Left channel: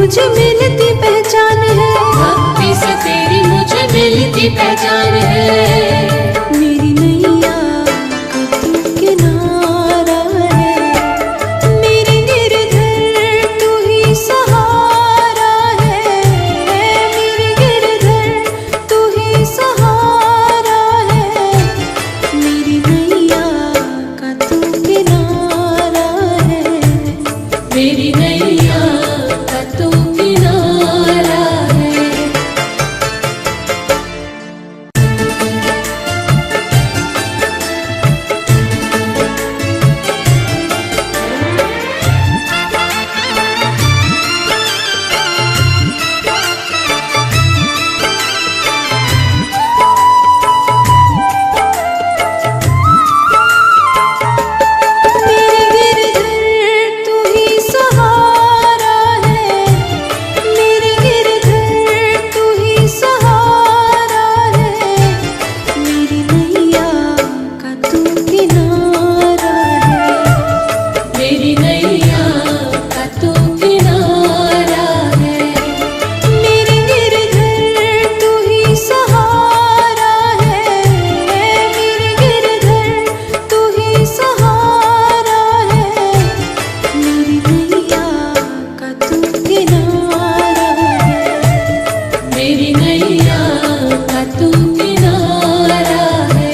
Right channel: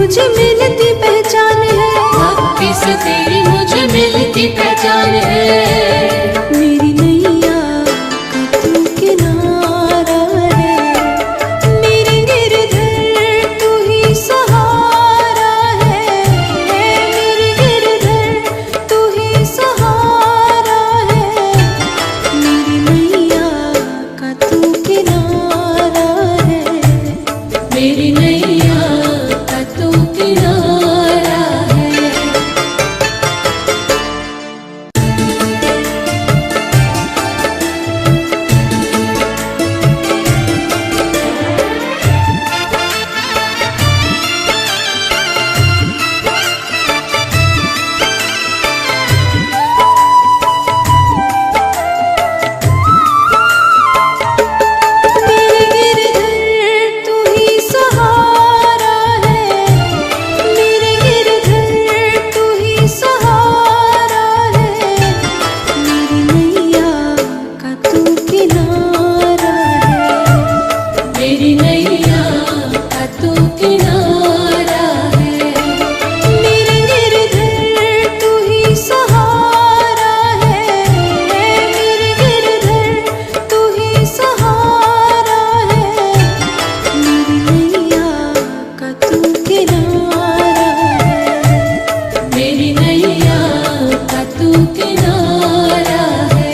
मुझे मिलती पहचान है, भक्ति से तेरी मुझे मिलती पहचान है। मेरी नैया का तू किनारा है, मेरे गिरधर तू ही सहारा है, मेरे गिरधर तू ही सहारा है, मेरी नैया का तू किनारा है, मेरी नैया का तू किनारा है। मेरे गिरधर तू ही सहारा है, मेरे गिरधर तू ही सहारा है, मेरी नैया का तू किनारा है, मेरी नैया का तू किनारा है। मेरे गिरधर तू ही सहारा है, मेरे गिरधर तू ही सहारा है, मेरी नैया का तू किनारा है, मेरी नैया का तू किनारा है।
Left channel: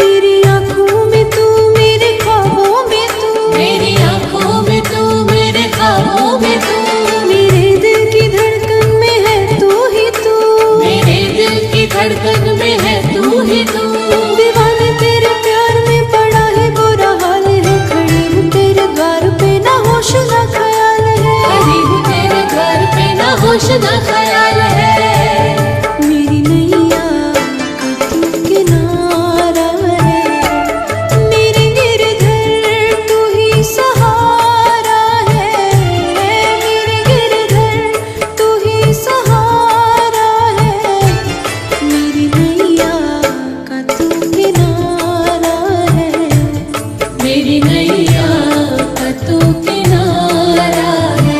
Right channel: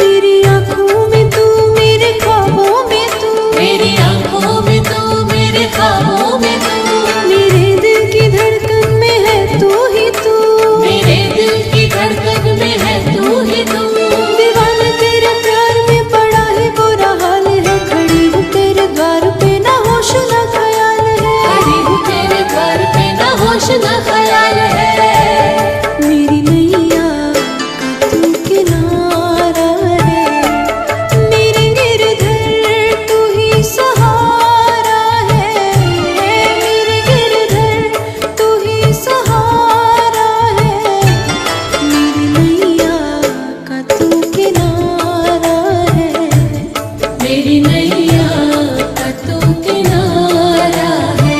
मेरी आँखों में तू, मेरे ख्वाबों में तू, मेरी आंखों में तू, मेरे ख्वाबों में तू, मेरे दिल की धड़कन में है तू ही तू, मेरे दिल की धड़कन में है तू ही तू। दीवाने तेरे प्यार में पड़ा है बुरा हाल है, खड़ी हूँ तेरे द्वार पे ना होश ना ख्याल है, खड़ी हूँ तेरे घर पे ना होश ना ख्याल है। मेरी नैया का तू किनारा है, मेरे गिरधर तू ही सहारा है, मेरे गिरधर तू ही सहारा है, मेरी नैया का तू किनारा है, मेरी नैया का तू किनारा है।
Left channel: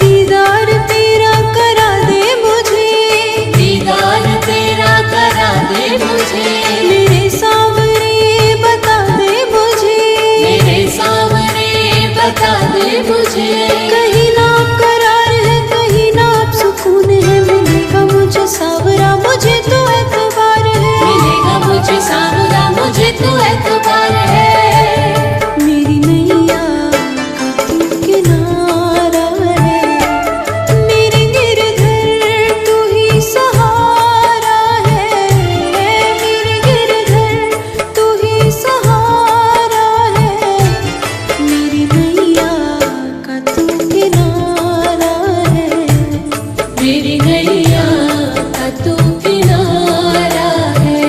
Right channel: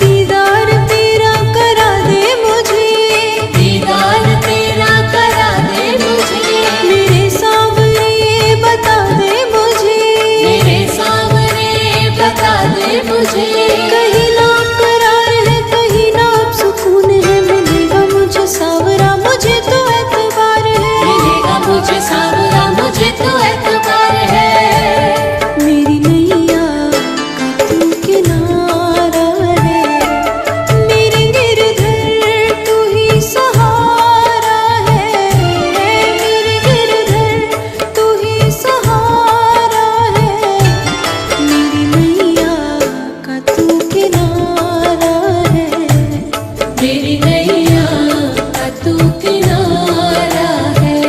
दीदार तेरा करा दे मुझे, दीदार तेरा करा दे मुझे, मेरे सावरे बता दे मुझे, मेरे सामने बता दे मुझे। कहीं ना करार है, कहीं ना अब सुकून है, मिलेगा मुझे सावरा मुझे तो एतबार है, मिलेगा मुझे सावरा मुझे तो एतबार है। मेरी नैया का तू किनारा है, मेरे गिरधर तू ही सहारा है, मेरे गिरधर तू ही सहारा है, मेरी नैया का तू किनारा है, मेरी नैया का तू किनारा है।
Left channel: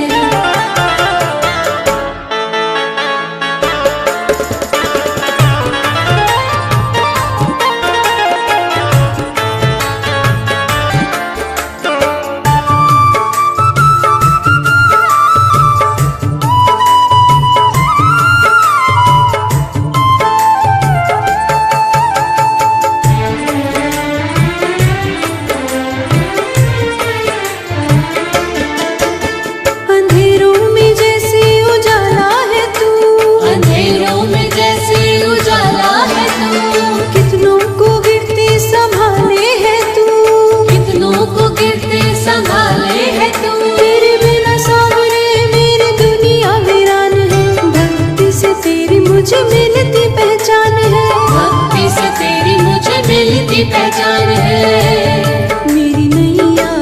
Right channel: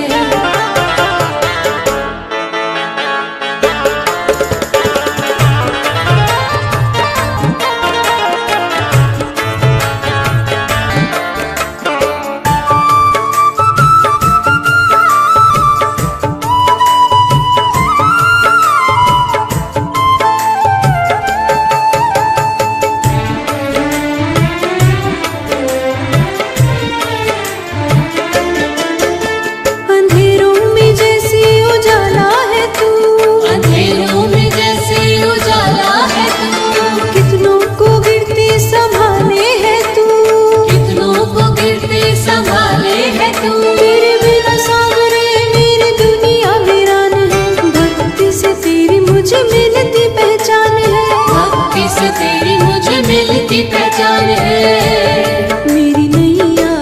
मिलती पहचान है। मेरी नैया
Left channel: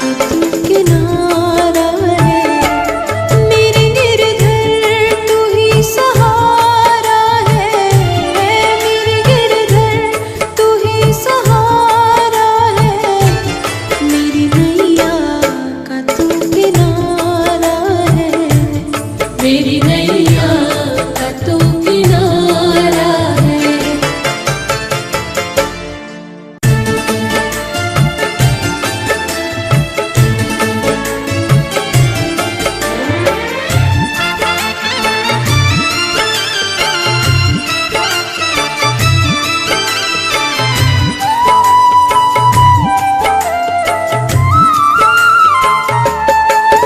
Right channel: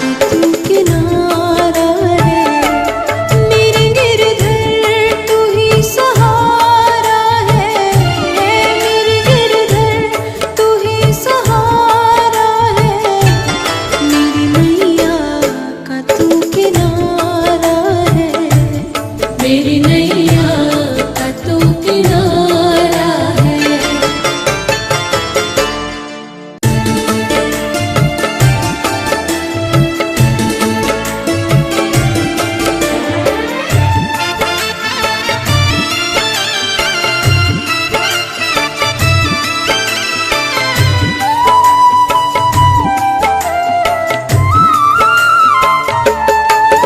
का तू किनारा है, मेरे गिरधर तू ही सहारा है, मेरे गिरधर तू ही सहारा है, मेरी नैया का तू किनारा है, मेरी नैया का तू किनारा है।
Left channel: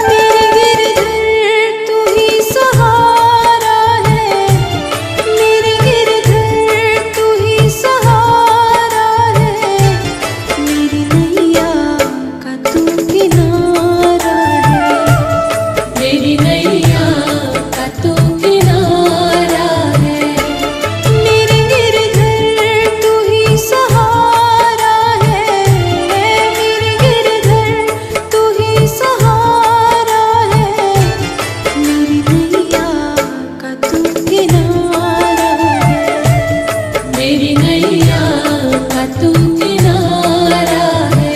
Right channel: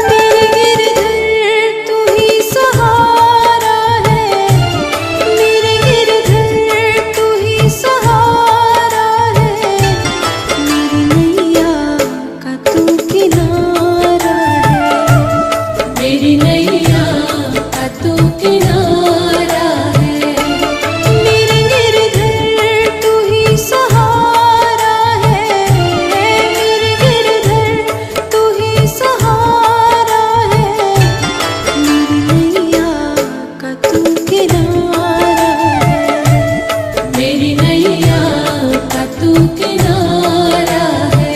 मेरे गिरधर तू ही सहारा है, मेरे गिरधर तू ही सहारा है, मेरी नैया का तू किनारा है, मेरी नैया का तू किनारा है। मेरे गिरधर तू ही सहारा है, मेरे गिरधर तू ही सहारा है, मेरी नैया का तू किनारा है, मेरी नैया का तू किनारा है।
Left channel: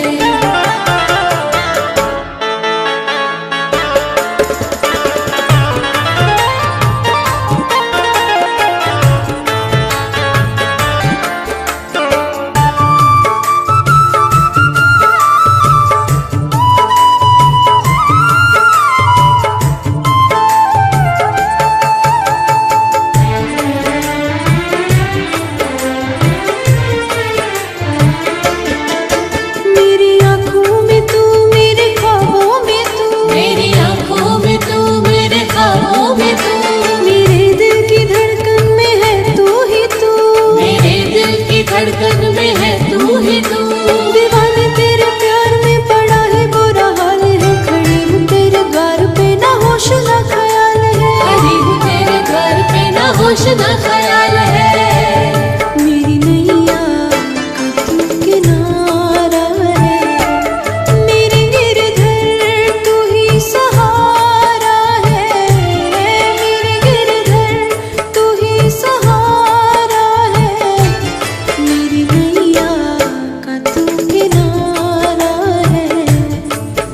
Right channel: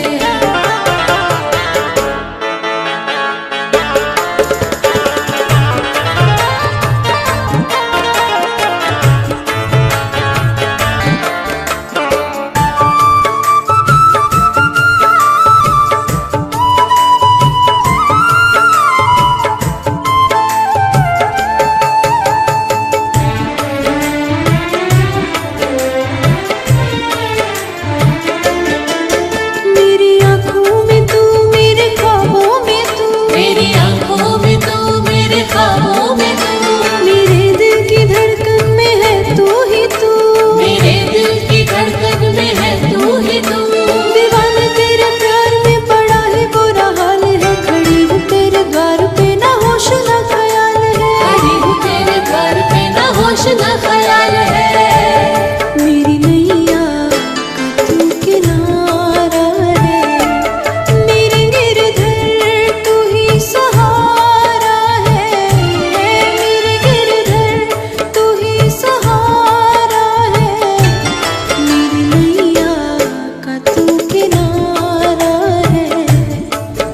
मेरी आँखों में तू, मेरे ख्वाबों में तू, मेरी आंखों में तू, मेरे ख्वाबों में तू, मेरे दिल की धड़कन में है तू ही तू, मेरे दिल की धड़कन में है तू ही तू। दीवाने तेरे प्यार में पड़ा है बुरा हाल है, खड़ी हूँ तेरे द्वार पे ना होश ना ख्याल है, खड़ी हूँ तेरे घर पे ना होश ना ख्याल है। मेरी नैया का तू किनारा है, मेरे गिरधर तू ही सहारा है, मेरे गिरधर तू ही सहारा है, मेरी नैया का तू किनारा है,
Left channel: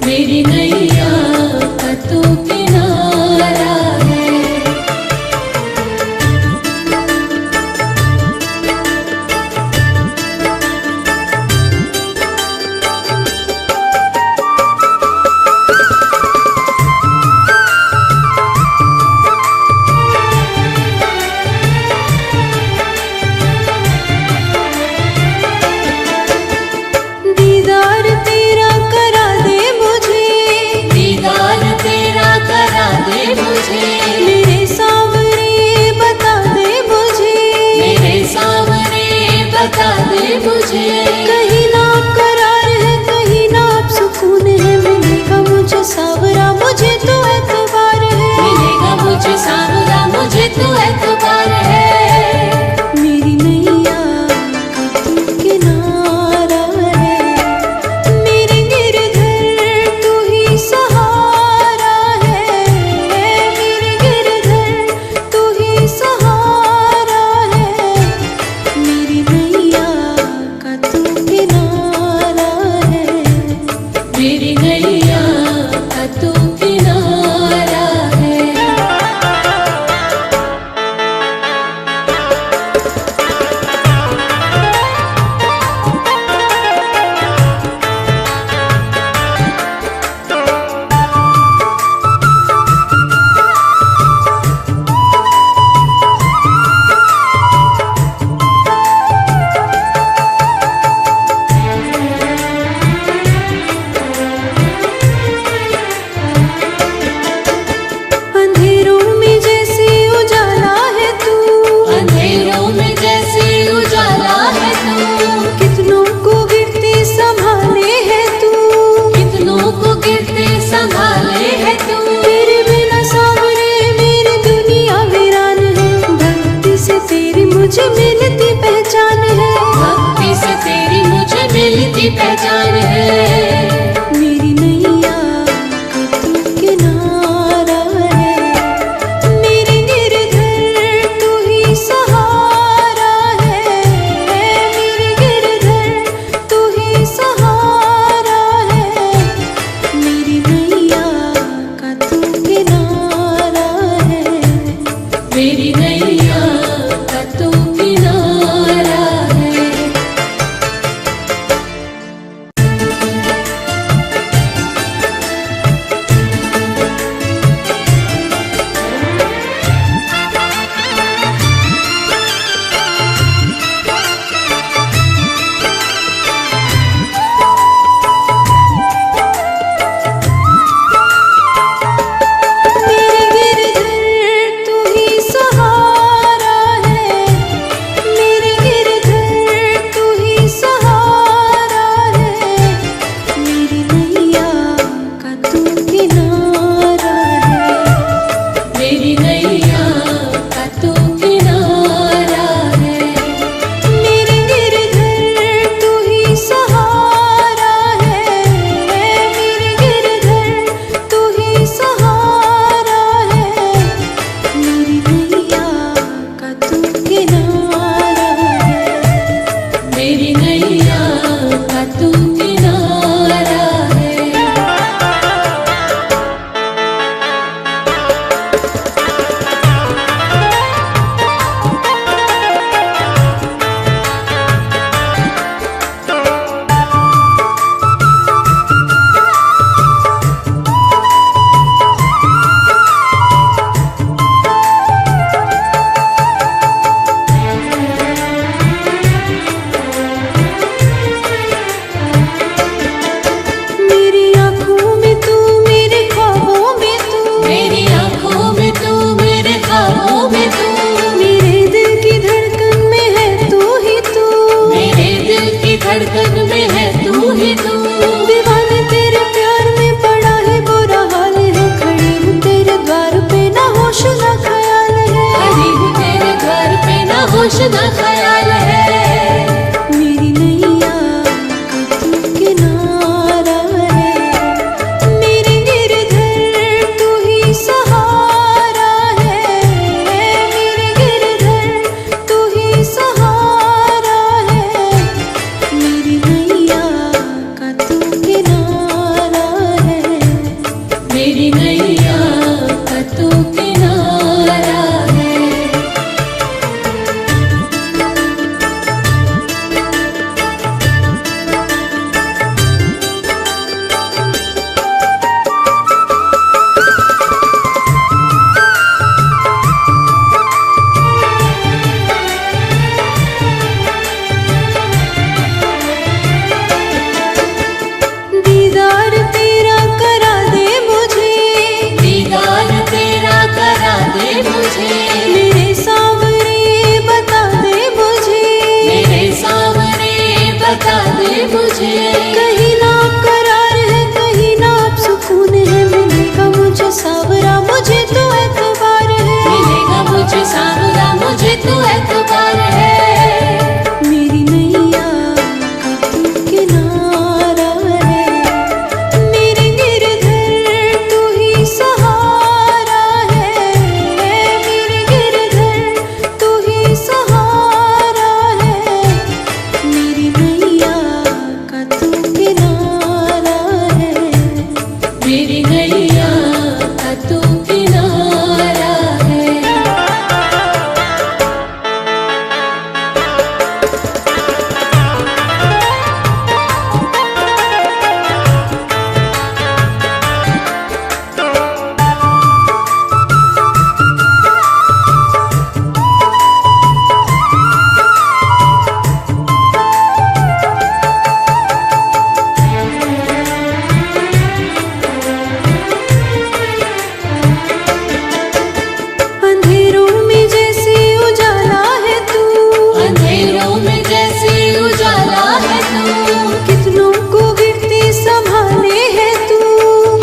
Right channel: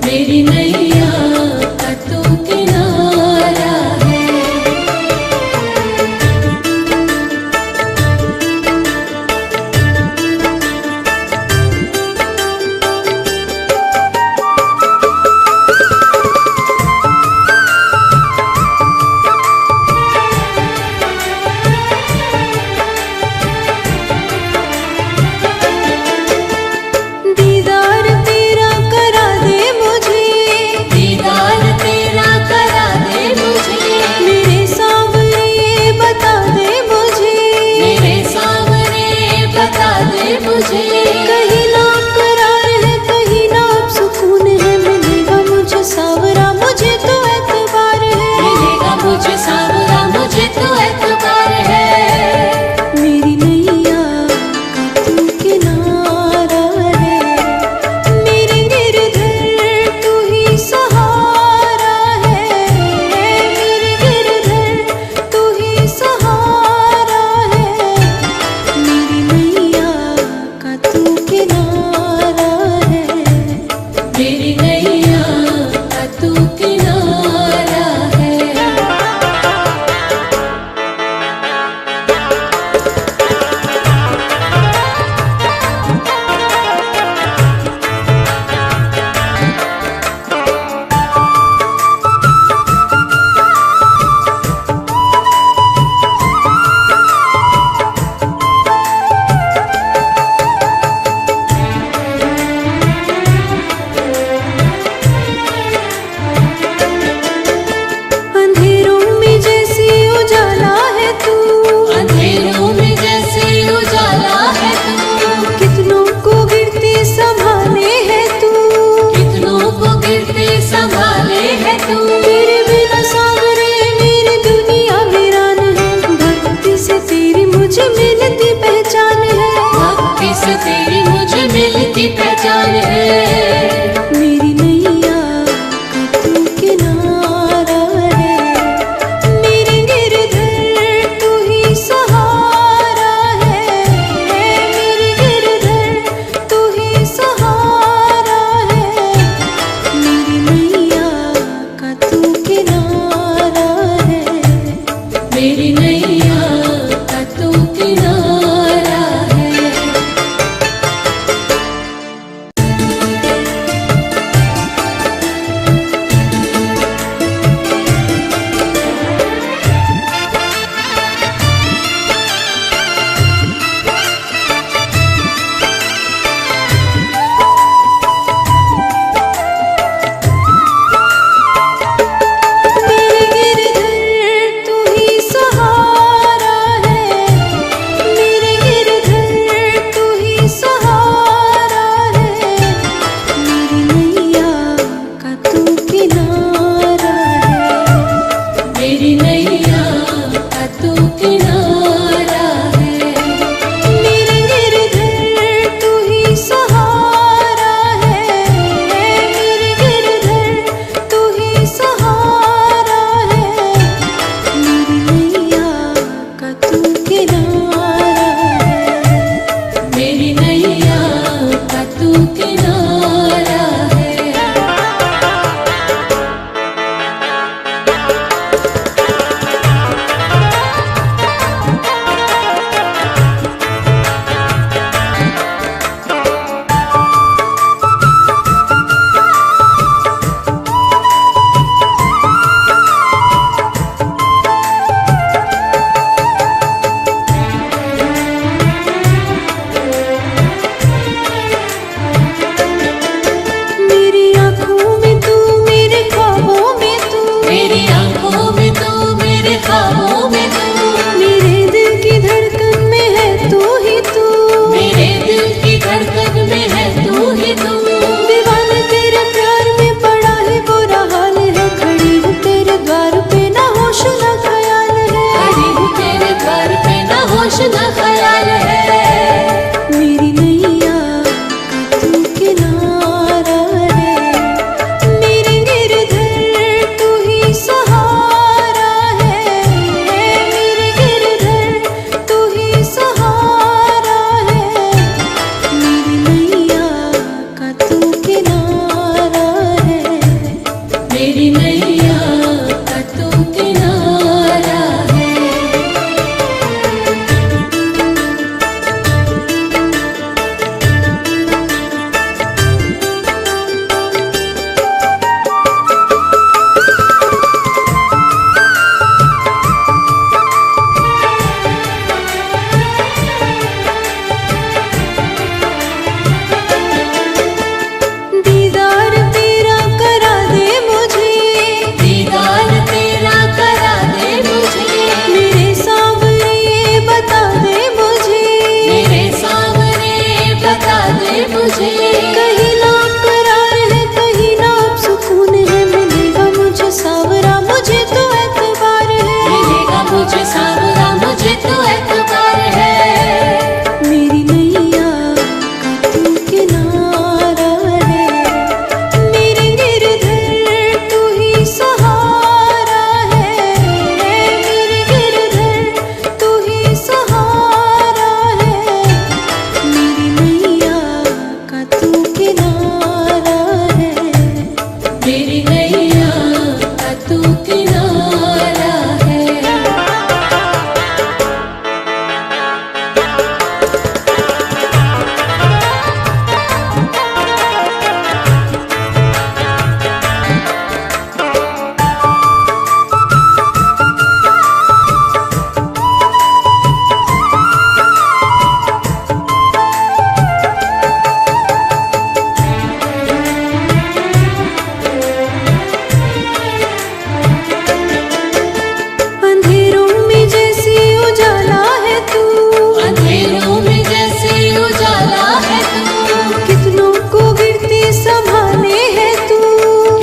मेरी नैया का तू किनारा है। दीदार तेरा करा दे मुझे, दीदार तेरा करा दे मुझे, मेरे सावरे बता दे मुझे, मेरे सामने बता दे मुझे। कहीं ना करार है, कहीं ना अब सुकून है, मिलेगा मुझे सावरा मुझे तो एतबार है, मिलेगा मुझे सावरा मुझे तो एतबार है। मेरी नैया का तू किनारा है, मेरे गिरधर तू ही सहारा है, मेरे गिरधर तू ही सहारा है, मेरी नैया का तू किनारा है, मेरी नैया का तू किनारा है। कितनों को गिरते संभाले है तू, कितनों को गिरते संभाले है तू। तेरे बिना सावरे मेरी दुनिया वीरान है, भक्ति से तेरी मुझे मिलती पहचान है, भक्ति से मिलती पहचान है। मेरी नैया का तू किनारा है, मेरे गिरधर तू ही सहारा है। मेरे गिरधर तू ही सहारा है, मेरी नैया का तू किनारा है। मेरी नैया का तू किनारा है। मेरे गिरधर तू ही सहारा है, मेरे गिरधर तू ही सहारा है। मेरी नैया का तू किनारा है, मेरी नैया का तू किनारा है। मेरे गिरधर तू ही सहारा है। मेरे गिरधर तू ही सहारा है, मेरी नैया का तू किनारा है। मेरी नैया का तू किनारा है। मेरी आँखों में तू, मेरे ख्वाबों में तू, मेरी आंखों में तू, मेरे ख्वाबों में तू, मेरे दिल की धड़कन में है तू ही तू। मेरे दिल की धड़कन में है तू ही तू। दीवाने तेरे प्यार में पड़ा है बुरा हाल है, खड़ी हूँ तेरे द्वार पे ना होश ना ख्याल है। खड़ी हूँ तेरे घर पे ना होश ना ख्याल है। मेरी नैया का तू किनारा है, मेरे गिरधर तू ही सहारा है। मेरे गिरधर तू ही सहारा है, मेरी नैया का तू किनारा है। मेरी नैया का तू किनारा है। दीदार तेरा करा दे मुझे, दीदार तेरा करा दे मुझे। मेरे सावरे बता दे मुझे, मेरे सामने बता दे मुझे। कहीं ना करार है कहीं ना अब सुकून है। मिलेगा मुझे सावरा मुझे तो एतबार है, मिलेगा मुझे सावरा मुझे तो एतबार है। मेरी नैया का तू किनारा है, मेरे गिरधर तू ही सहारा है। मेरे गिरधर तू ही सहारा है, मेरी नैया का तू किनारा है। मेरी नैया का तू किनारा है। अंधेरों में जैसे उजाला है तू, अंधेरों में जैसे उजाला है तू। कितनों को गिरते संभाले है तू,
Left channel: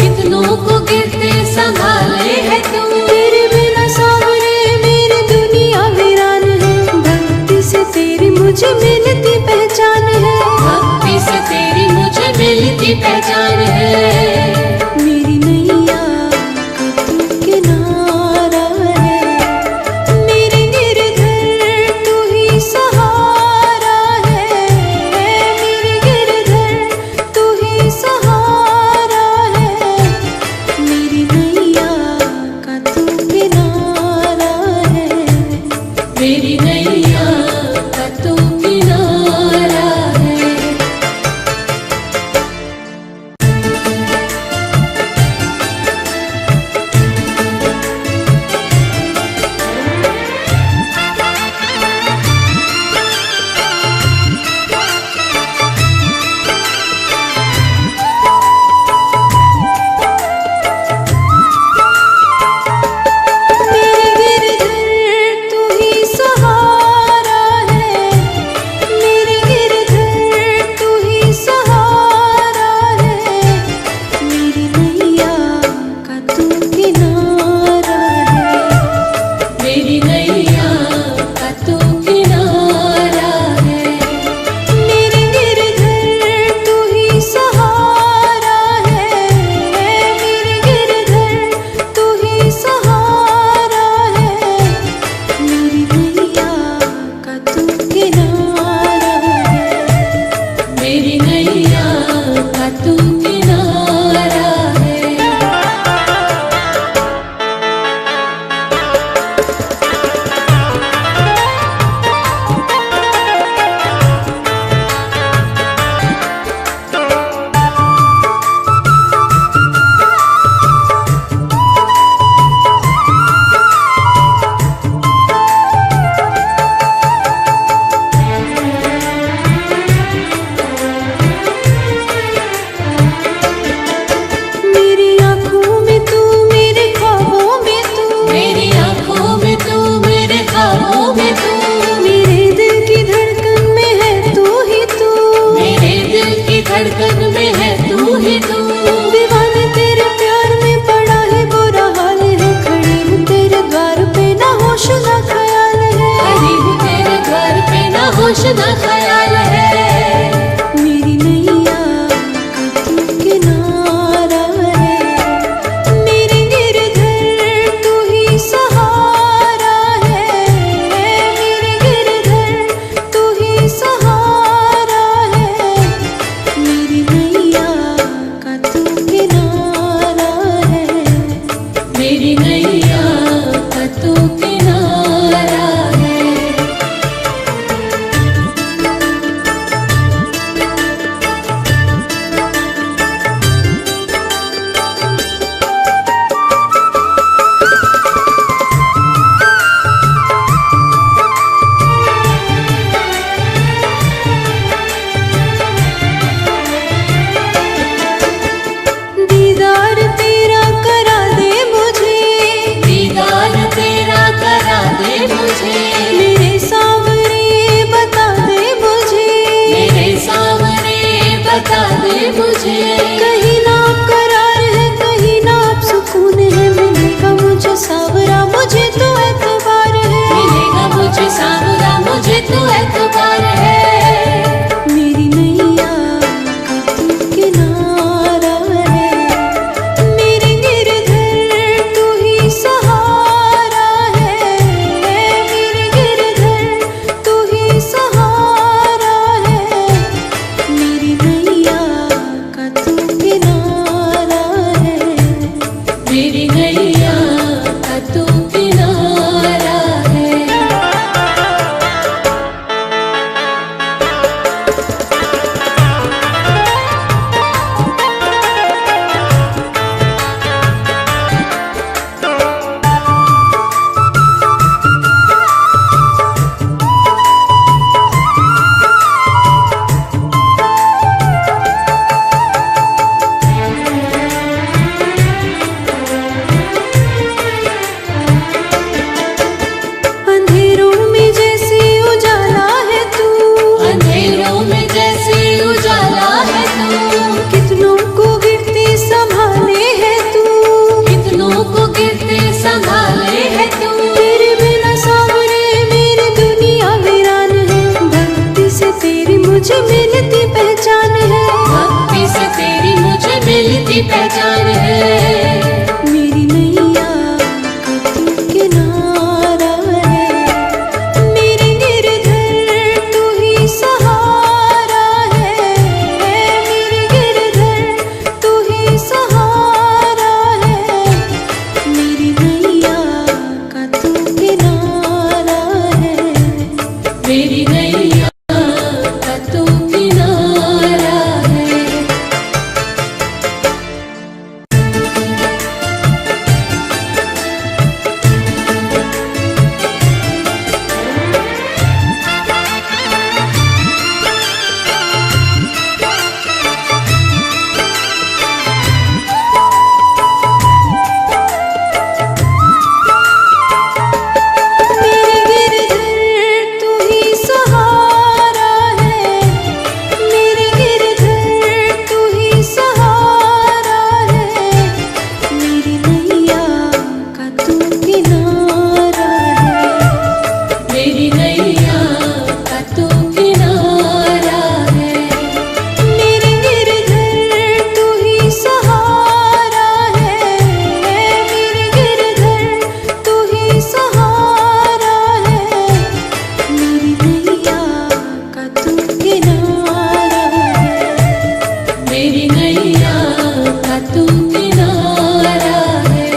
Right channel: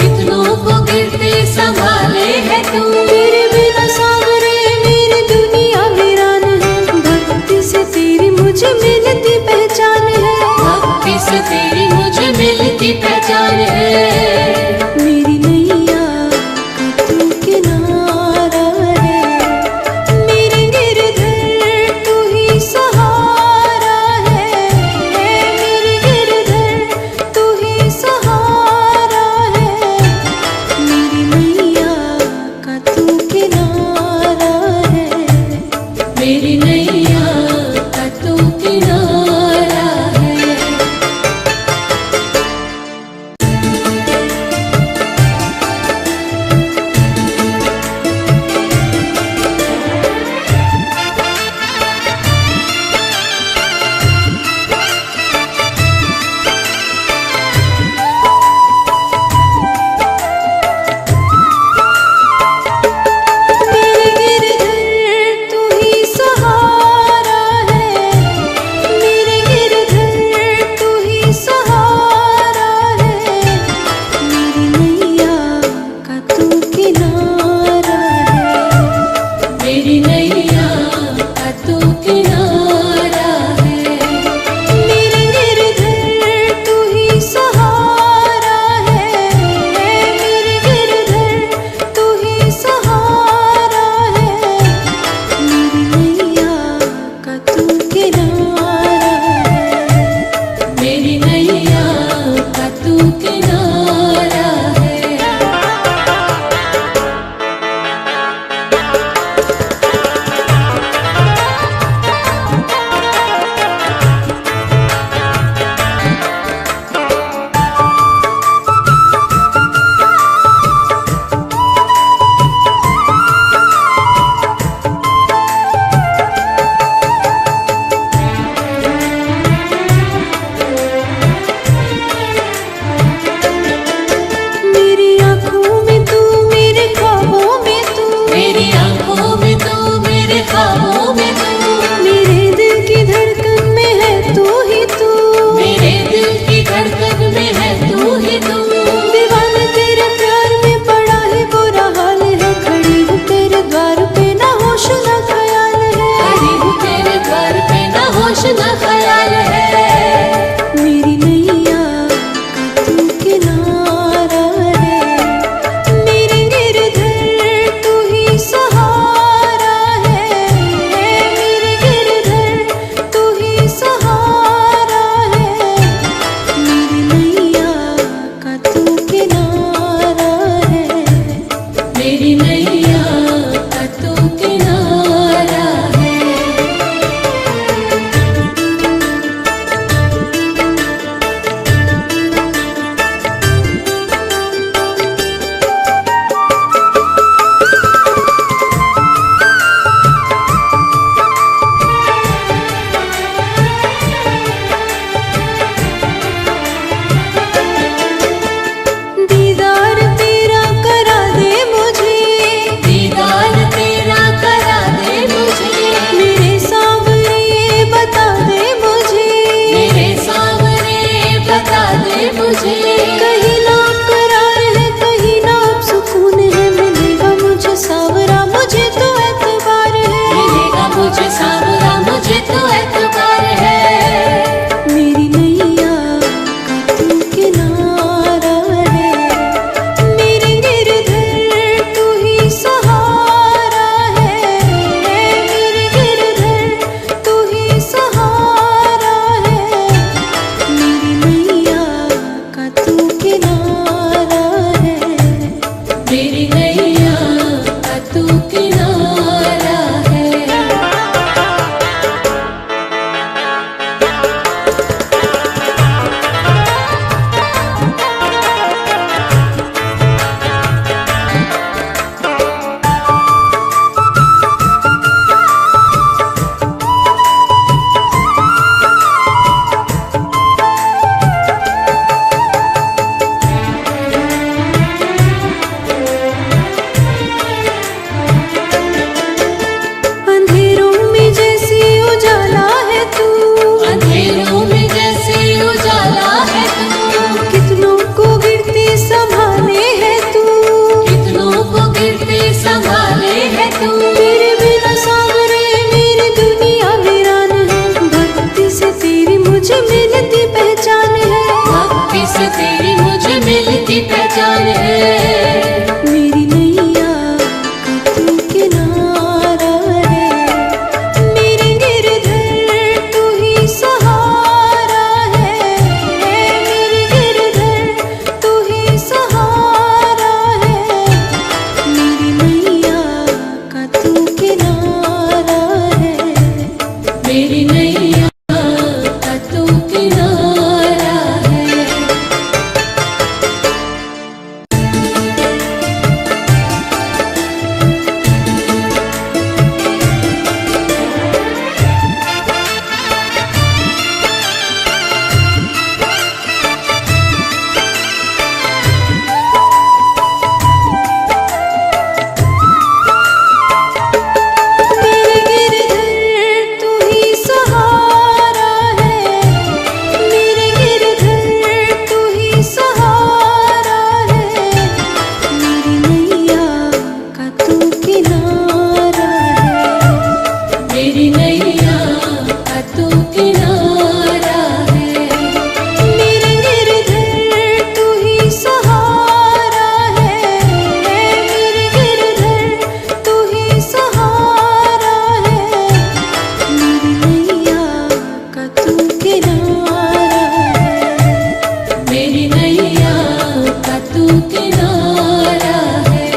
कितनों को गिरते संभाले है तू। तेरे बिना सावरे मेरी दुनिया वीरान है। भक्ति से तेरी मुझे मिलती पहचान है, भक्ति से से तेरी मुझे मिलती पहचान है। मेरी नैया का तू किनारा है, मेरे गिरधर तू ही सहारा है, मेरे गिरधर तू ही सहारा है, मेरी नैया का तू किनारा है, मेरी नैया का तू किनारा है। मेरे गिरधर तू ही सहारा है, मेरे गिरधर तू ही सहारा है, मेरी नैया का तू किनारा है, मेरी नैया का तू किनारा है। मेरे गिरधर तू ही सहारा है, मेरे गिरधर तू ही सहारा है, मेरी नैया का तू किनारा है, मेरी नैया का तू किनारा है। मेरी आँखों में तू, मेरे ख्वाबों में तू, मेरी आंखों में तू, मेरे ख्वाबों में तू, मेरे दिल की धड़कन में है तू ही तू, मेरे दिल की धड़कन में है तू ही तू। दीवाने तेरे प्यार में पड़ा है बुरा हाल है, खड़ी हूँ तेरे द्वार पे ना होश ना ख्याल है, खड़ी हूँ तेरे घर पे ना होश ना ख्याल है। मेरी नैया का तू किनारा है, मेरे गिरधर तू ही सहारा है, मेरे गिरधर तू ही सहारा है, मेरी नैया का तू किनारा है, मेरी नैया का तू किनारा है। दीदार तेरा करा दे मुझे, दीदार तेरा करा दे मुझे, मेरे सावरे बता दे मुझे, मेरे सामने बता दे मुझे। कहीं ना करार है, कहीं ना अब सुकून है, मिलेगा मुझे सावरा मुझे तो एतबार है, मिलेगा मुझे सावरा मुझे तो एतबार है। मेरी नैया का तू किनारा है, मेरे गिरधर तू ही सहारा है, मेरे गिरधर तू ही सहारा है, मेरी नैया का तू किनारा है, मेरी नैया का तू किनारा है। कितनों को गिरते संभाले है तू, कितनों को गिरते संभाले है तू। तेरे बिना सावरे मेरी दुनिया वीरान है, भक्ति से तेरी मुझे मिलती पहचान है। से तेरी मुझे मिलती पहचान है। मेरी नैया का तू किनारा है, मेरे गिरधर तू ही सहारा है, मेरे गिरधर तू ही सहारा है, मेरी नैया का तू किनारा है, मेरी नैया का तू किनारा है। मेरे गिरधर तू ही सहारा है, मेरे गिरधर तू ही सहारा है, मेरी नैया का तू किनारा है, मेरी नैया का तू किनारा है। मेरे गिरधर तू ही सहारा है, मेरे गिरधर तू ही सहारा है, मेरी नैया का तू किनारा है, मेरी नैया का तू किनारा है।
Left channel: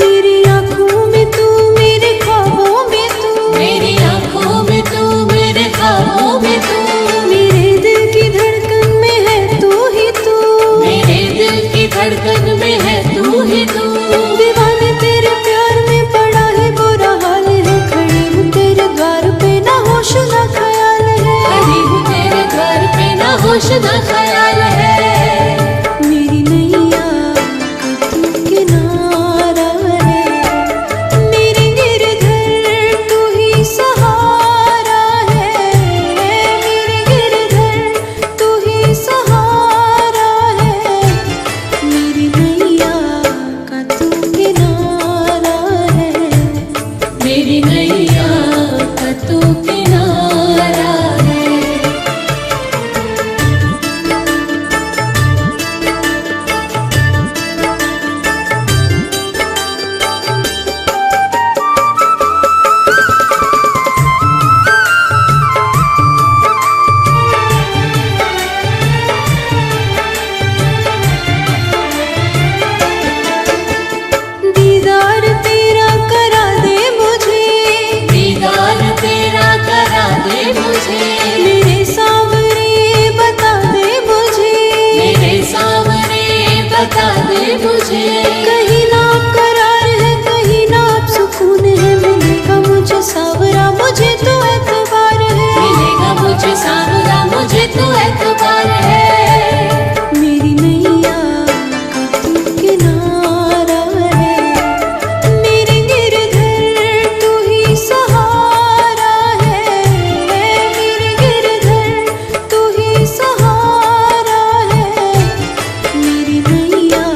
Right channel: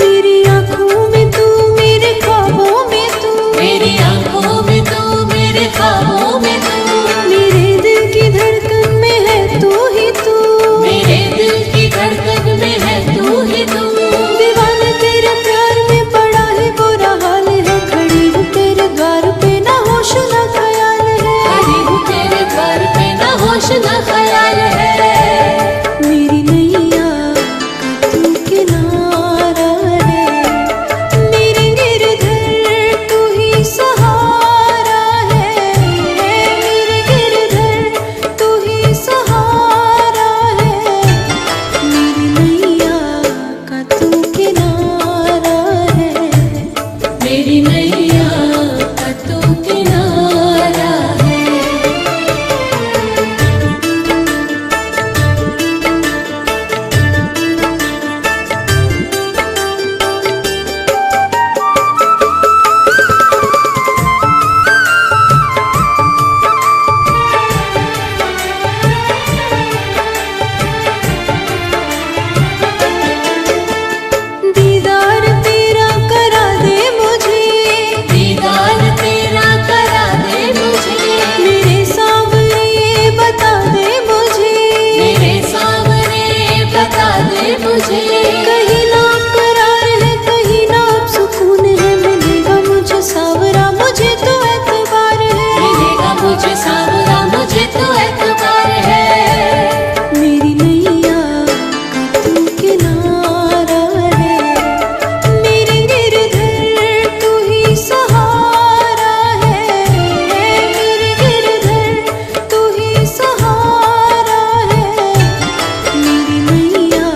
मेरी आँखों में तू, मेरे ख्वाबों में तू, मेरी आंखों में तू, मेरे ख्वाबों में तू, मेरे दिल की धड़कन में है तू ही तू, मेरे दिल की धड़कन में है तू ही तू। दीवाने तेरे प्यार में पड़ा है बुरा हाल है, खड़ी हूँ तेरे द्वार पे ना होश ना ख्याल है, खड़ी हूँ तेरे घर पे ना होश ना ख्याल है। मेरी नैया का तू किनारा है, मेरे गिरधर तू ही सहारा है, मेरे गिरधर तू ही सहारा है, मेरी नैया का तू किनारा है, मेरी नैया का तू किनारा है। दीदार तेरा करा दे मुझे, दीदार तेरा करा दे मुझे, मेरे सावरे बता दे मुझे, मेरे सामने बता दे मुझे। कहीं ना करार है कहीं ना अब सुकून है, मिलेगा मुझे सावरा मुझे तो एतबार है, मिलेगा मुझे सावरा मुझे तो एतबार है। मेरी नैया का तू किनारा है, मेरे गिरधर तू ही सहारा है, मेरे गिरधर तू ही सहारा है, मेरी नैया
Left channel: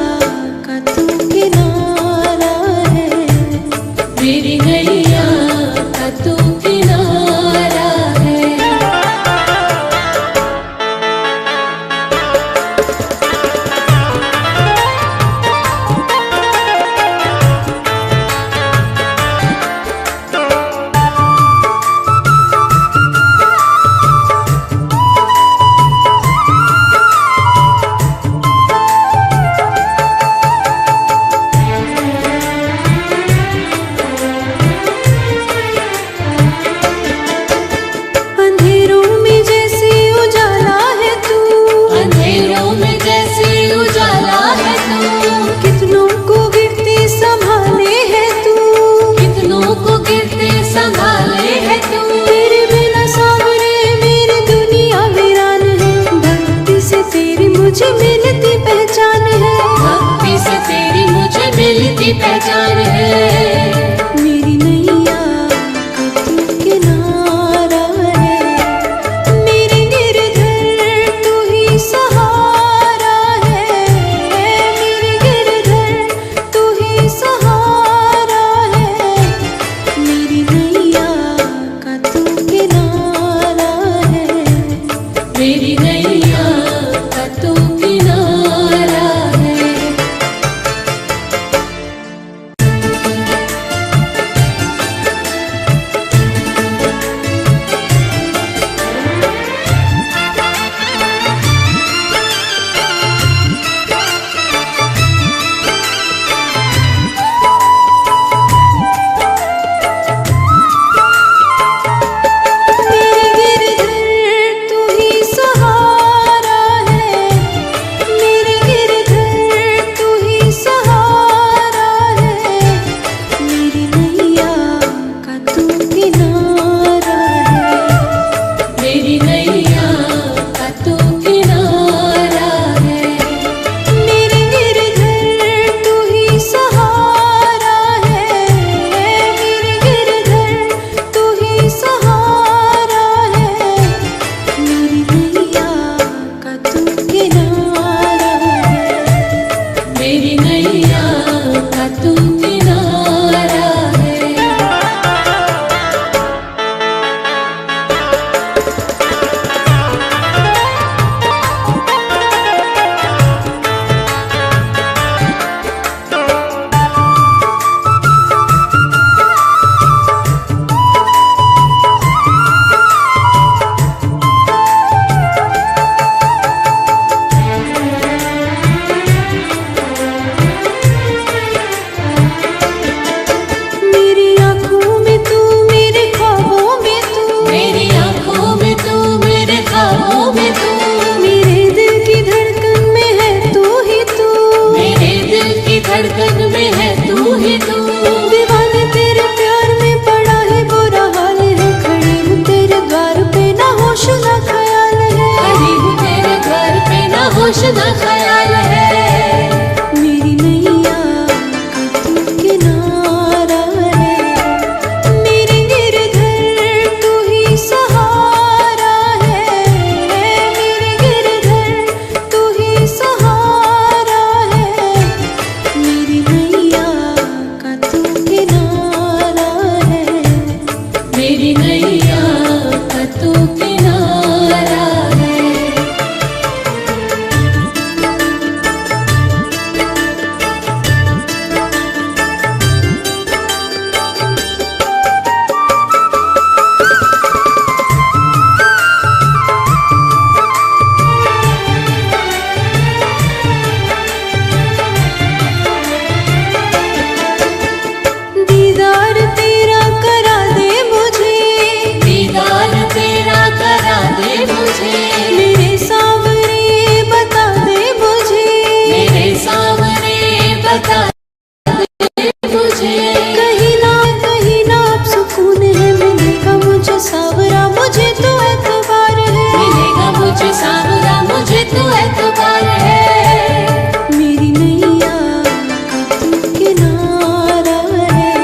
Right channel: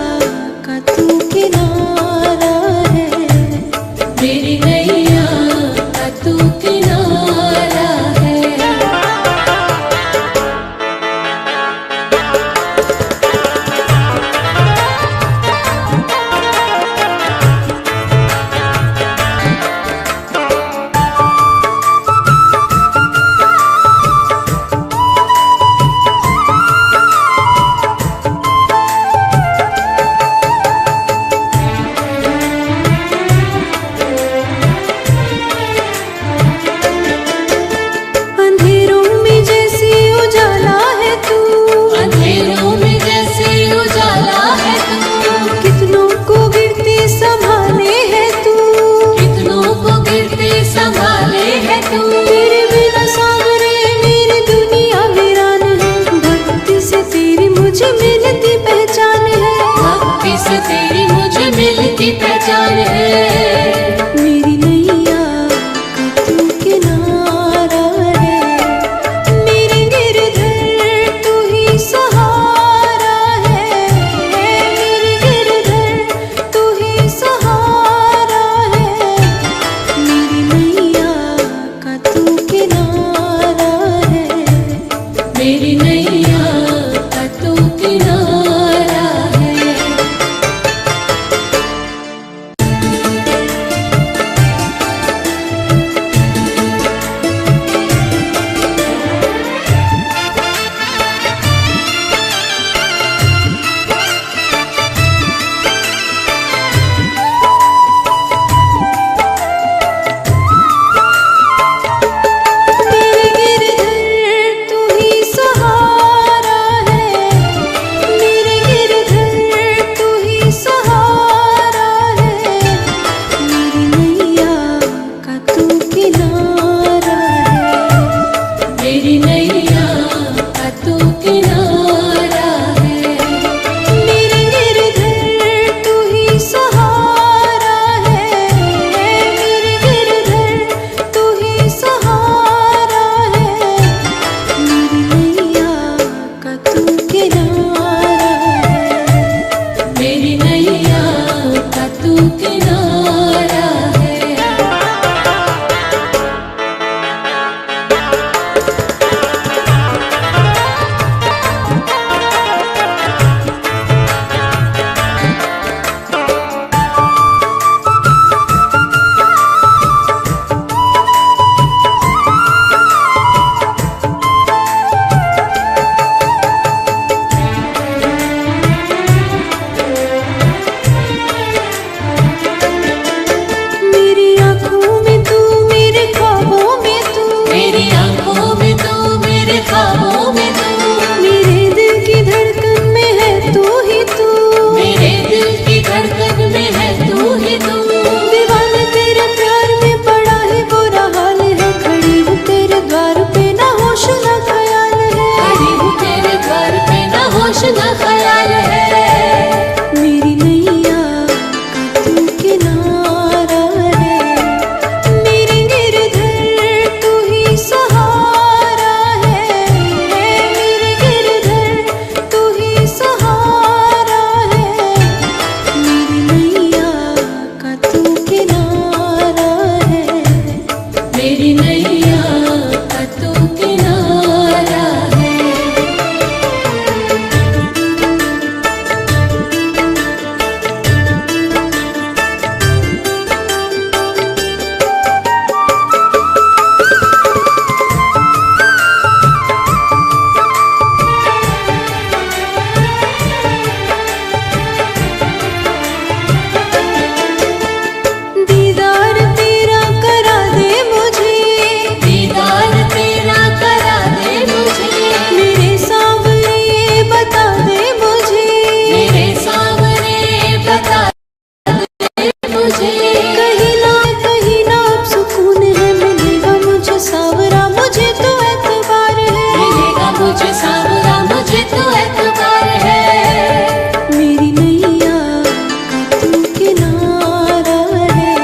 का तू किनारा है, मेरी नैया का तू किनारा है। कितनों को गिरते संभाले है तू, कितनों को गिरते संभाले है तू। तेरे बिना सावरे मेरी दुनिया वीरान है, भक्ति से तेरी मुझे मिलती पहचान मेरी नैया का तू किनारा है। दीदार तेरा करा दे मुझे, दीदार तेरा करा दे मुझे, मेरे सावरे बता दे मुझे, मेरे सामने बता दे मुझे। कहीं ना अब सुकून है, मिलेगा मुझे सावरा मुझे तो एतबार है, मिलेगा मुझे सावरा मुझे तो एतबार है। मेरी नैया का तू किनारा है,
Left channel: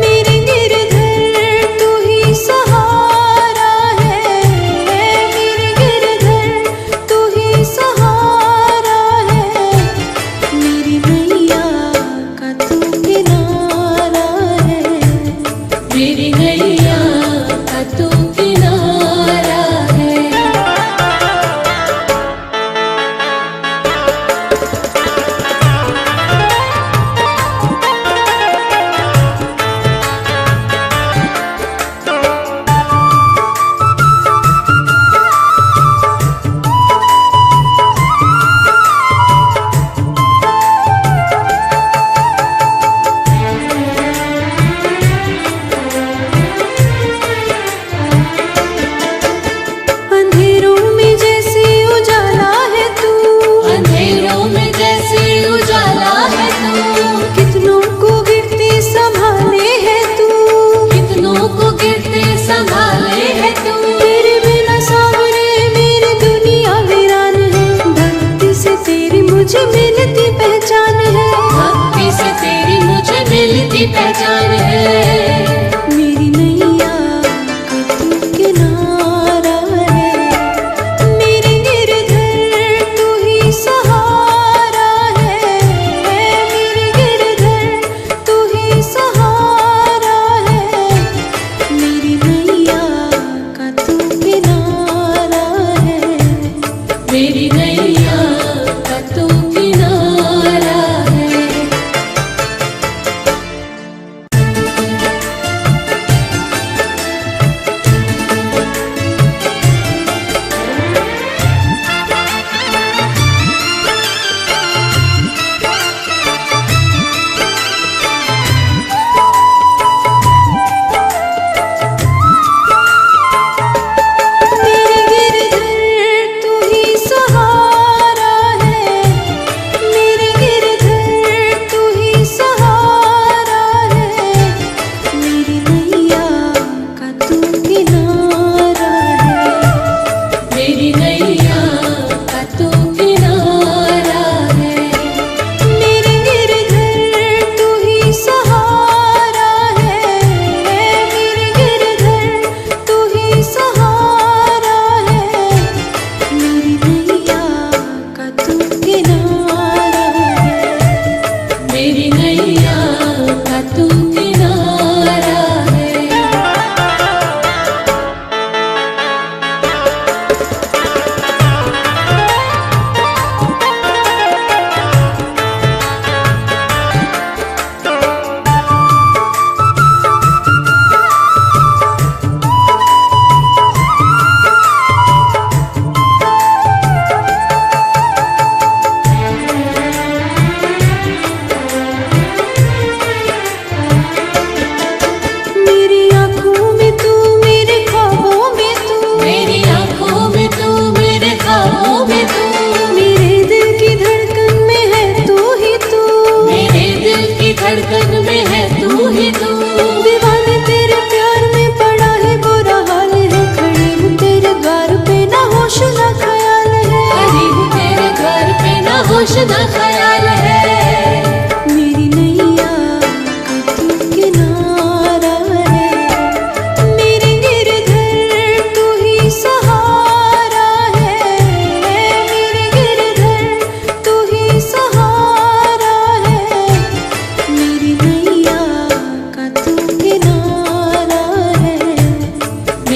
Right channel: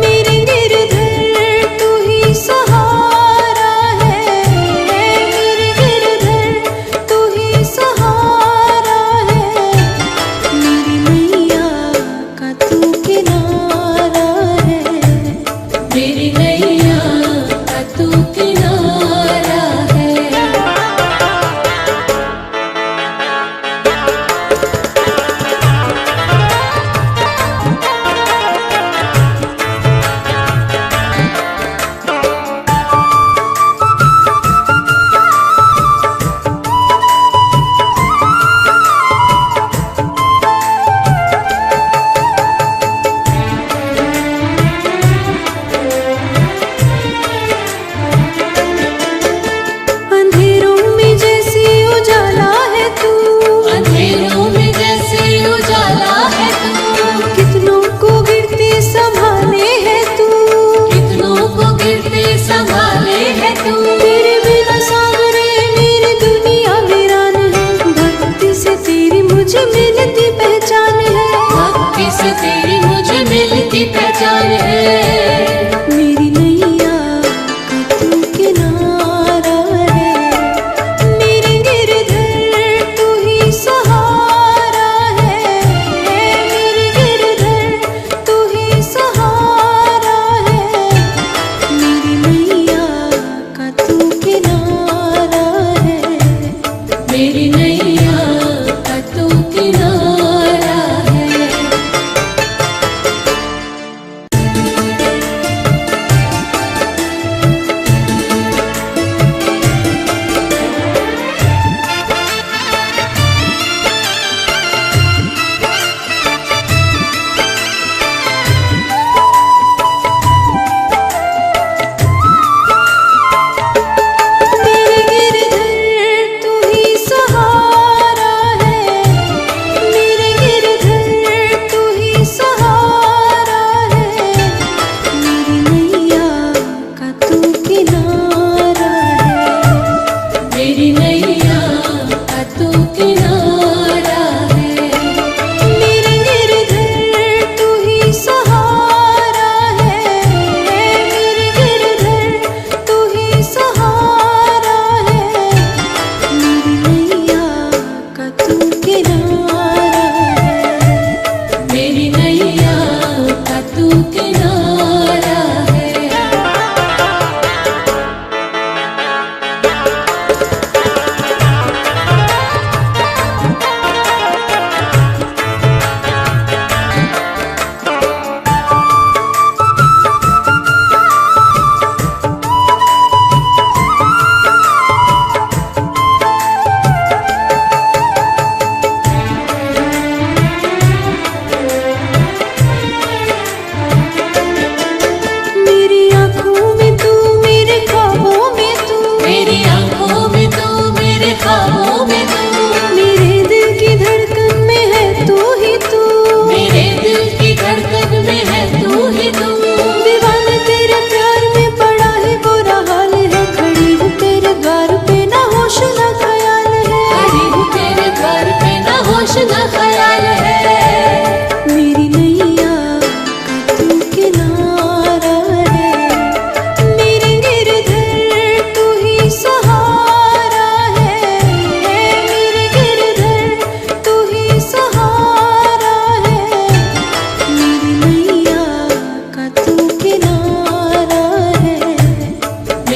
मेरे गिरधर तू ही सहारा है, मेरे गिरधर तू ही सहारा है, मेरी नैया का तू किनारा है। मेरी नैया का तू किनारा है। अंधेरों में जैसे उजाला है तू, अंधेरों में जैसे उजाला है तू, कितनों को गिरते संभाले है तू, कितनों को गिरते संभाले है तू। तेरे बिना सावरे मेरी दुनिया वीरान है, भक्ति से तेरी मुझे मिलती पहचान है, भक्ति से तेरी मुझे मिलती पहचान है। मेरी नैया का तू किनारा है, मेरे गिरधर तू ही सहारा है, मेरे गिरधर तू ही सहारा है, मेरी नैया का तू किनारा है। मेरी नैया का तू किनारा है।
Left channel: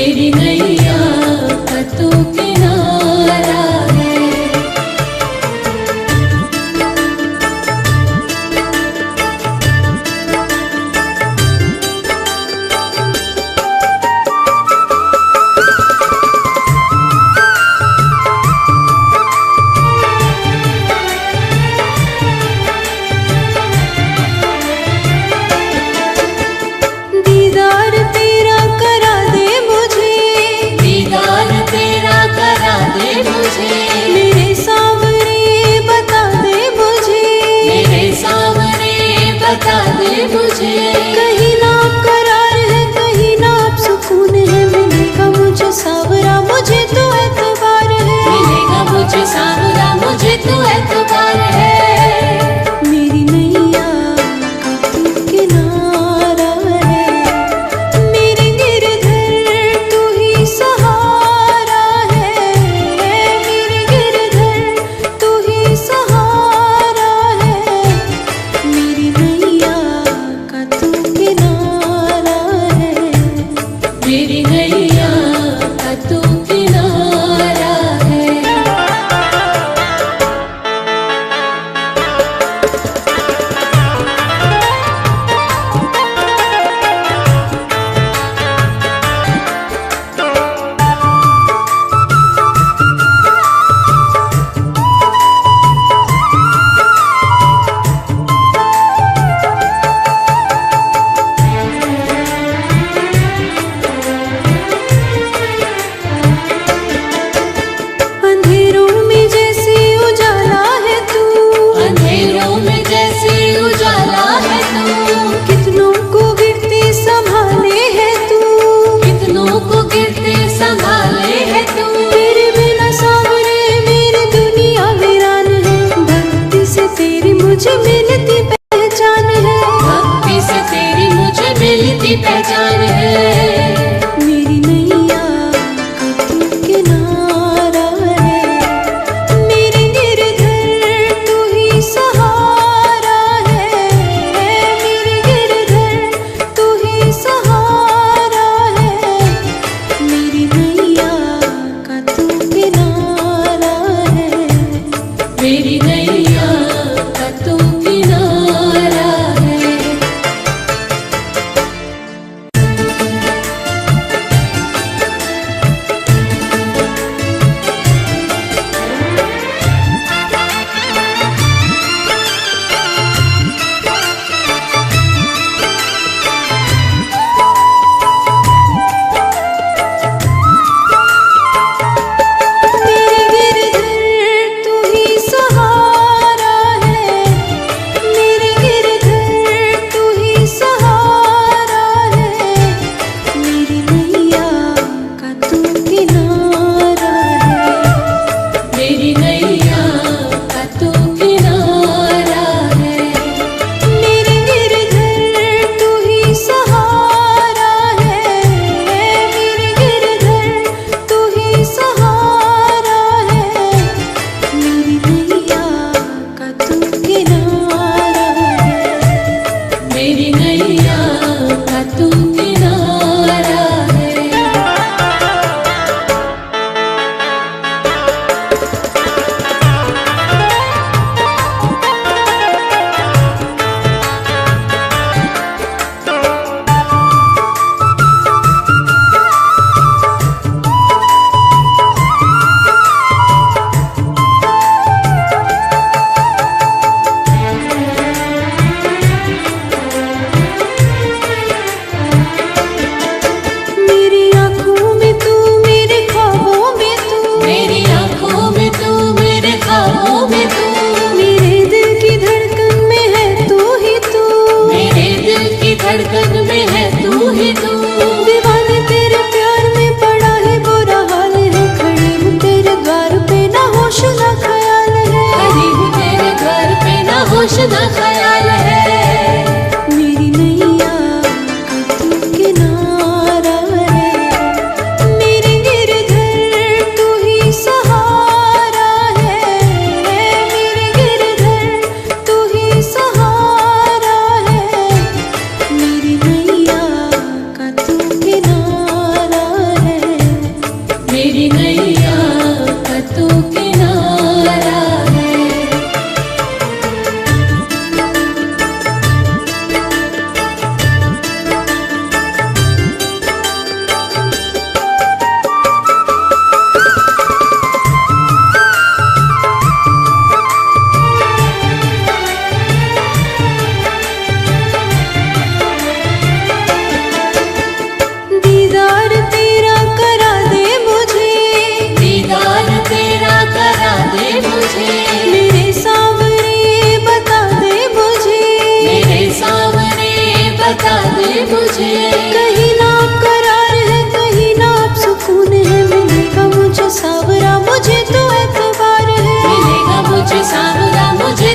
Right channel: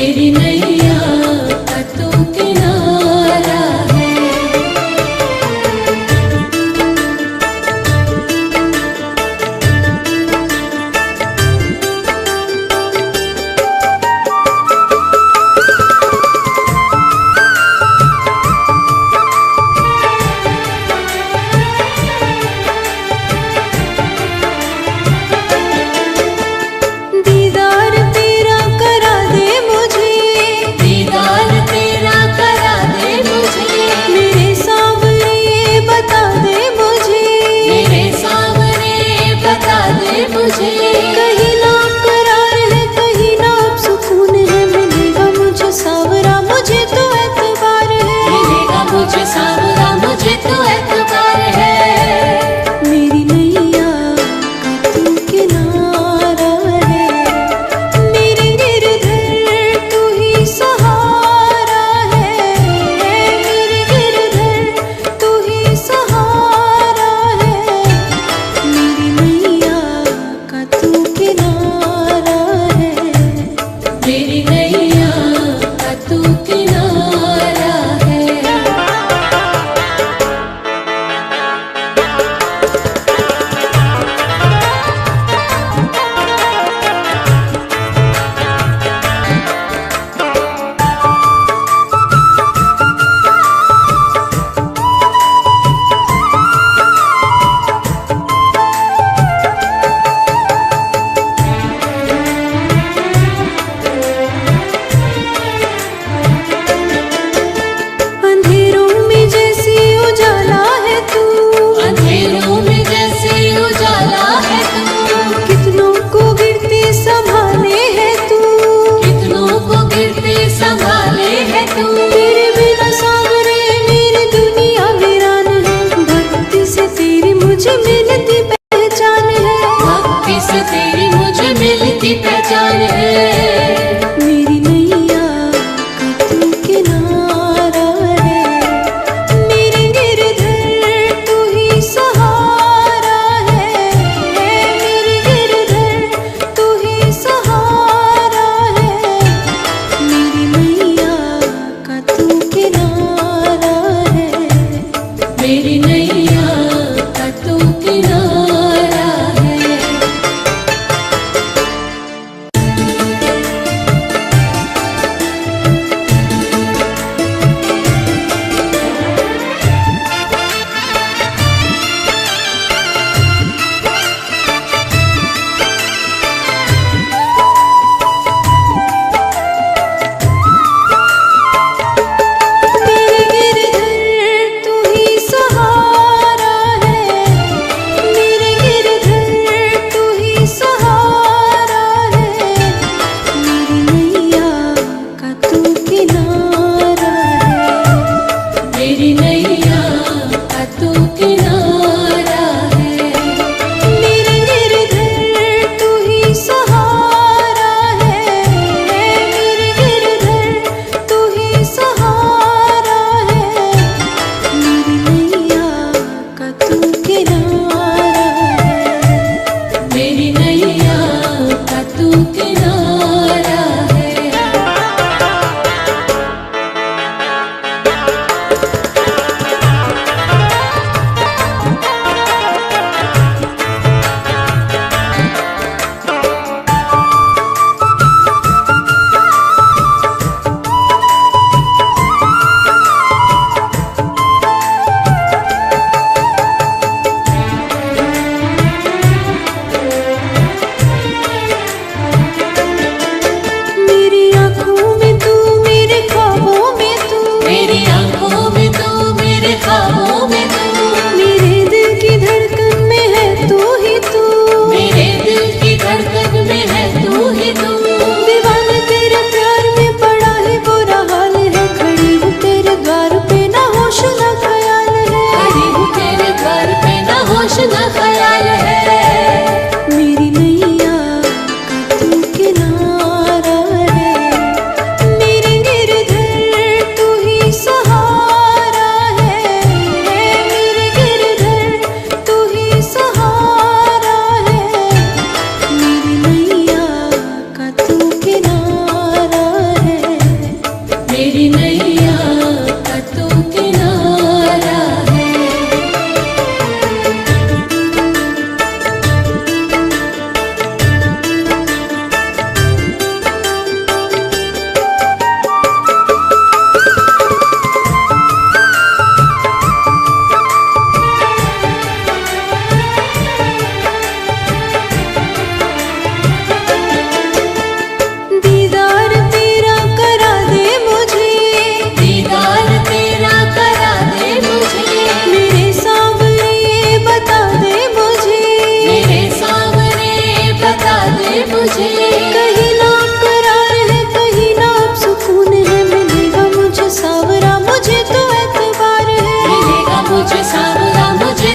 मेरी नैया का तू किनारा है। दीदार तेरा करा दे मुझे, दीदार तेरा करा दे मुझे, मेरे सावरे बता दे मुझे, मेरे सावरे बता दे मुझे। कहीं ना करार है कहीं ना अब सुकून है, मिलेगा मुझे सावरा मुझे तो एतबार है, मिलेगा मुझे सावरा मुझे तो एतबार है। मेरी नैया का तू किनारा है, मेरे गिरधर तू ही सहारा है, मेरे गिरधर तू ही सहारा है, मेरी नैया का तू किनारा है, मेरी नैया का तू किनारा है। अंधेरों में जैसे उजाला है तू, अंधेरों में जैसे उजाला है तू, कितनों को गिरते संभाले है तू, कितनों को गिरते संभाले है तू। तेरे बिना सावरे मेरी दुनिया वीरान है, भक्ति से तेरी मुझे मिलती पहचान है, भक्ति से तेरी मुझे मिलती पहचान है। मेरी नैया का तू किनारा है, मेरे गिरधर तू ही सहारा है, मेरे गिरधर तू ही सहारा है, मेरी नैया का तू किनारा है, मेरी नैया का तू किनारा है। मेरे गिरधर तू ही सहारा है, मेरे गिरधर तू ही सहारा है, मेरी नैया का तू किनारा है, मेरी नैया का तू किनारा है। मेरे गिरधर तू ही सहारा है, मेरे गिरधर तू ही सहारा है, मेरी नैया का तू किनारा है, मेरी नैया का तू किनारा है। मेरी आँखों में तू मेरे ख्वाबों में तू, मेरी आंखों में तू मेरे ख्वाबों में तू, मेरे दिल की धड़कन में है तू ही तू, मेरे दिल की धड़कन में है तू ही तू। दीवाने तेरे प्यार में पड़ा है बुरा हाल है, खड़ी हूँ तेरे द्वार पे ना होश ना ख्याल है, खड़ी हूँ तेरे घर पे ना होश ना ख्याल है। मेरी नैया का तू किनारा है, मेरे गिरधर तू ही सहारा है, मेरे गिरधर तू ही सहारा है, मेरी नैया का तू किनारा है,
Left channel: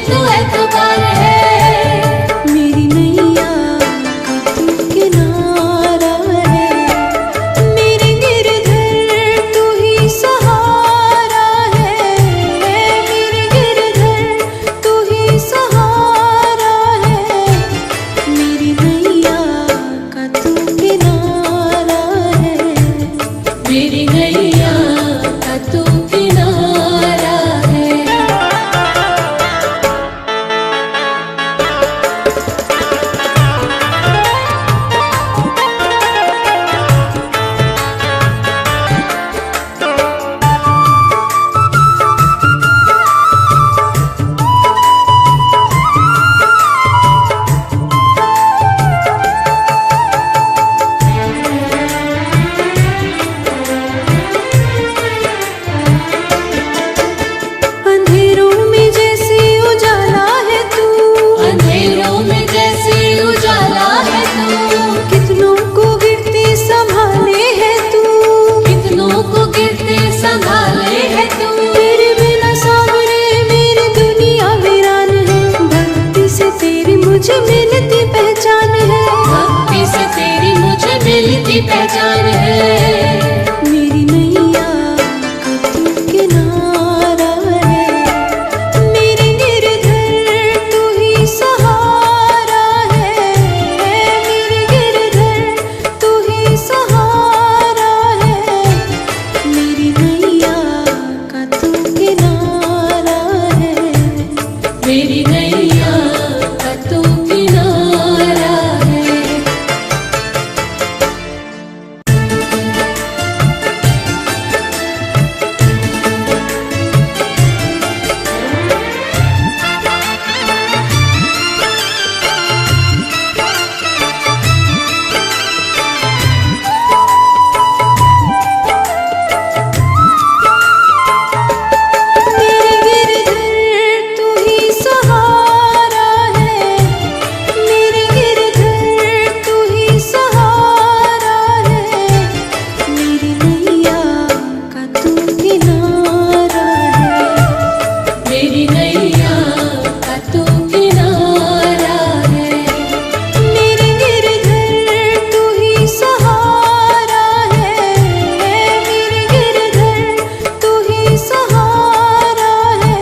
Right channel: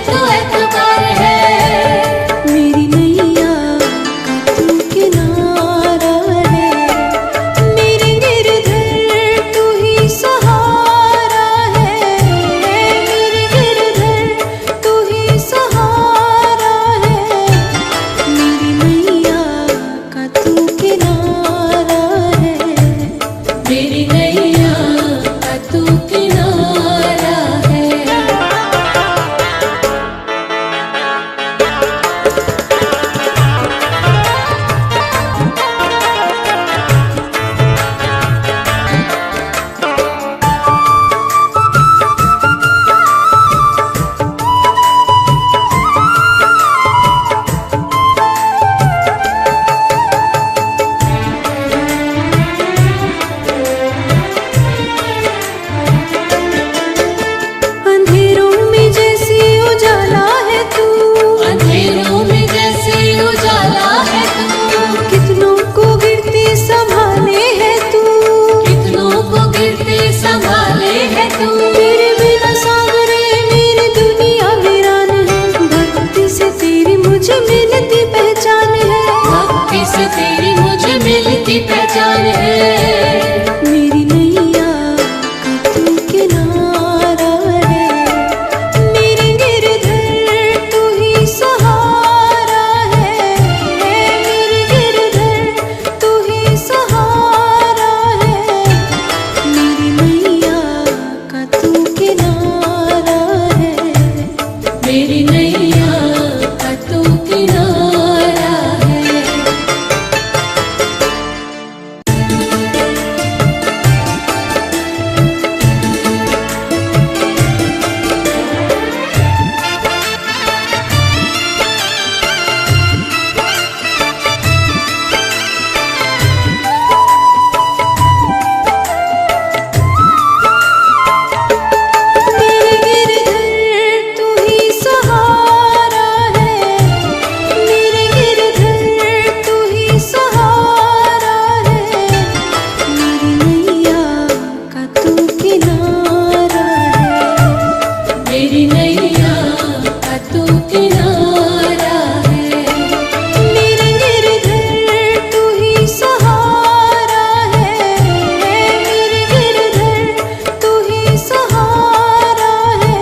तो एतबार है। मेरी नैया का तू किनारा है, मेरे गिरधर तू ही सहारा है, मेरे गिरधर तू ही सहारा है, मेरी नैया का तू किनारा है, मेरी नैया का तू किनारा है। अंधेरों में जैसे उजाला है तू, अंधेरों में जैसे उजाला है तू, कितनों को गिरते संभाले है तू, कितनों को गिरते संभाले है तू। तेरे बिना सावरे मेरी दुनिया वीरान है, भक्ति से तेरी मुझे मिलती पहचान है, भक्ति से तेरी मुझे मिलती पहचान है। मेरी नैया का तू किनारा है, मेरे गिरधर तू ही सहारा है, मेरे गिरधर तू ही सहारा है, मेरी नैया का तू किनारा है, मेरी नैया का तू किनारा है। मेरे गिरधर तू ही सहारा है, मेरे गिरधर तू ही सहारा है, मेरी नैया का तू किनारा है, मेरी नैया का तू किनारा है। मेरे गिरधर तू ही सहारा है, मेरे गिरधर तू ही सहारा है,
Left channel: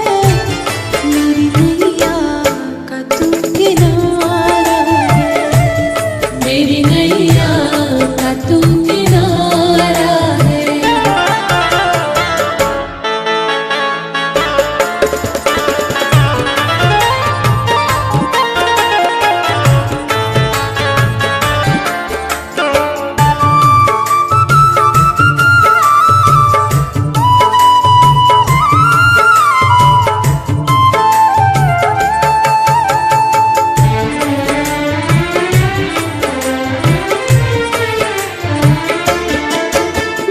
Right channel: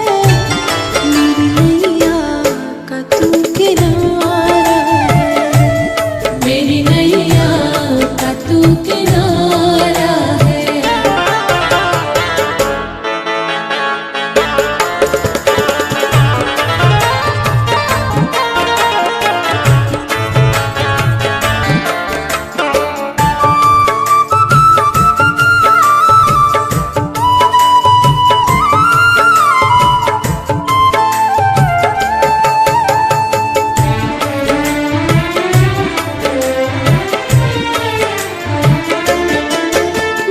मेरी नैया का तू किनारा है, मेरी नैया का तू किनारा है।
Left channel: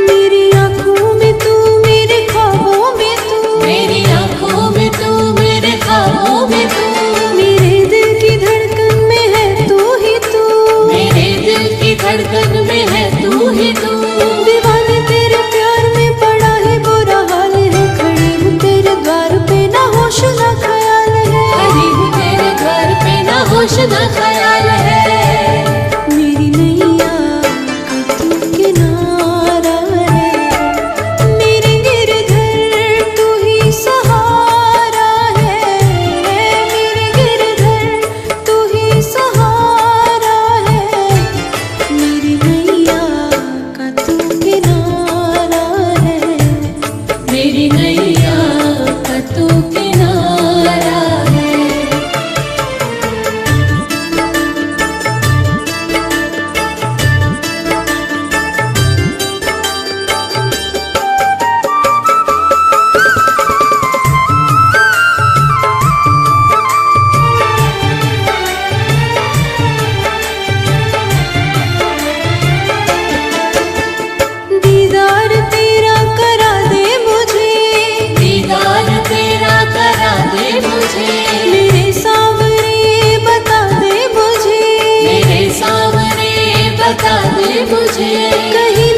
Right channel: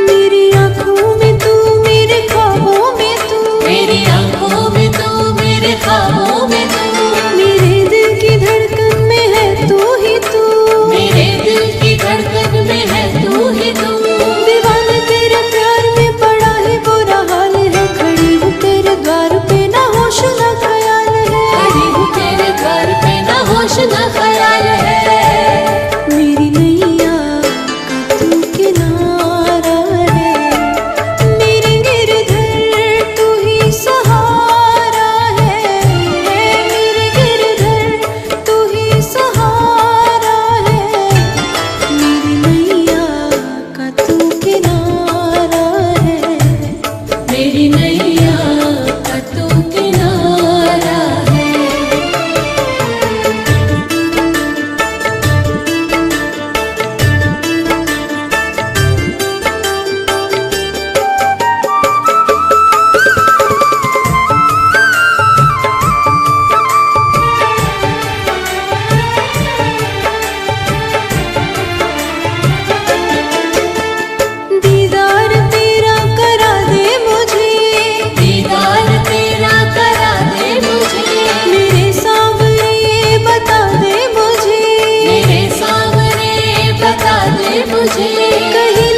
मेरी आँखों में तू, मेरे ख्वाबों में तू, मेरी आंखों में तू, मेरे ख्वाबों में तू, मेरे दिल की धड़कन में है तू ही तू, मेरे दिल की धड़कन में है तू ही तू। दीवाने तेरे प्यार में बड़ा ही बुरा हाल है, खड़ी हूँ तेरे द्वार पे ना होश ना ख्याल है, खड़ी हूँ तेरे घर पे ना होश ना ख्याल है। मेरी नैया का तू किनारा है, मेरे गिरधर तू ही सहारा है, मेरे गिरधर तू ही सहारा है, मेरी नैया का तू किनारा है, मेरी नैया का तू किनारा है। दीदार तेरा करा दे मुझे, दीदार तेरा करा दे मुझे, मेरे सावरे बता दे मुझे, मेरे सामने बता दे मुझे। कहीं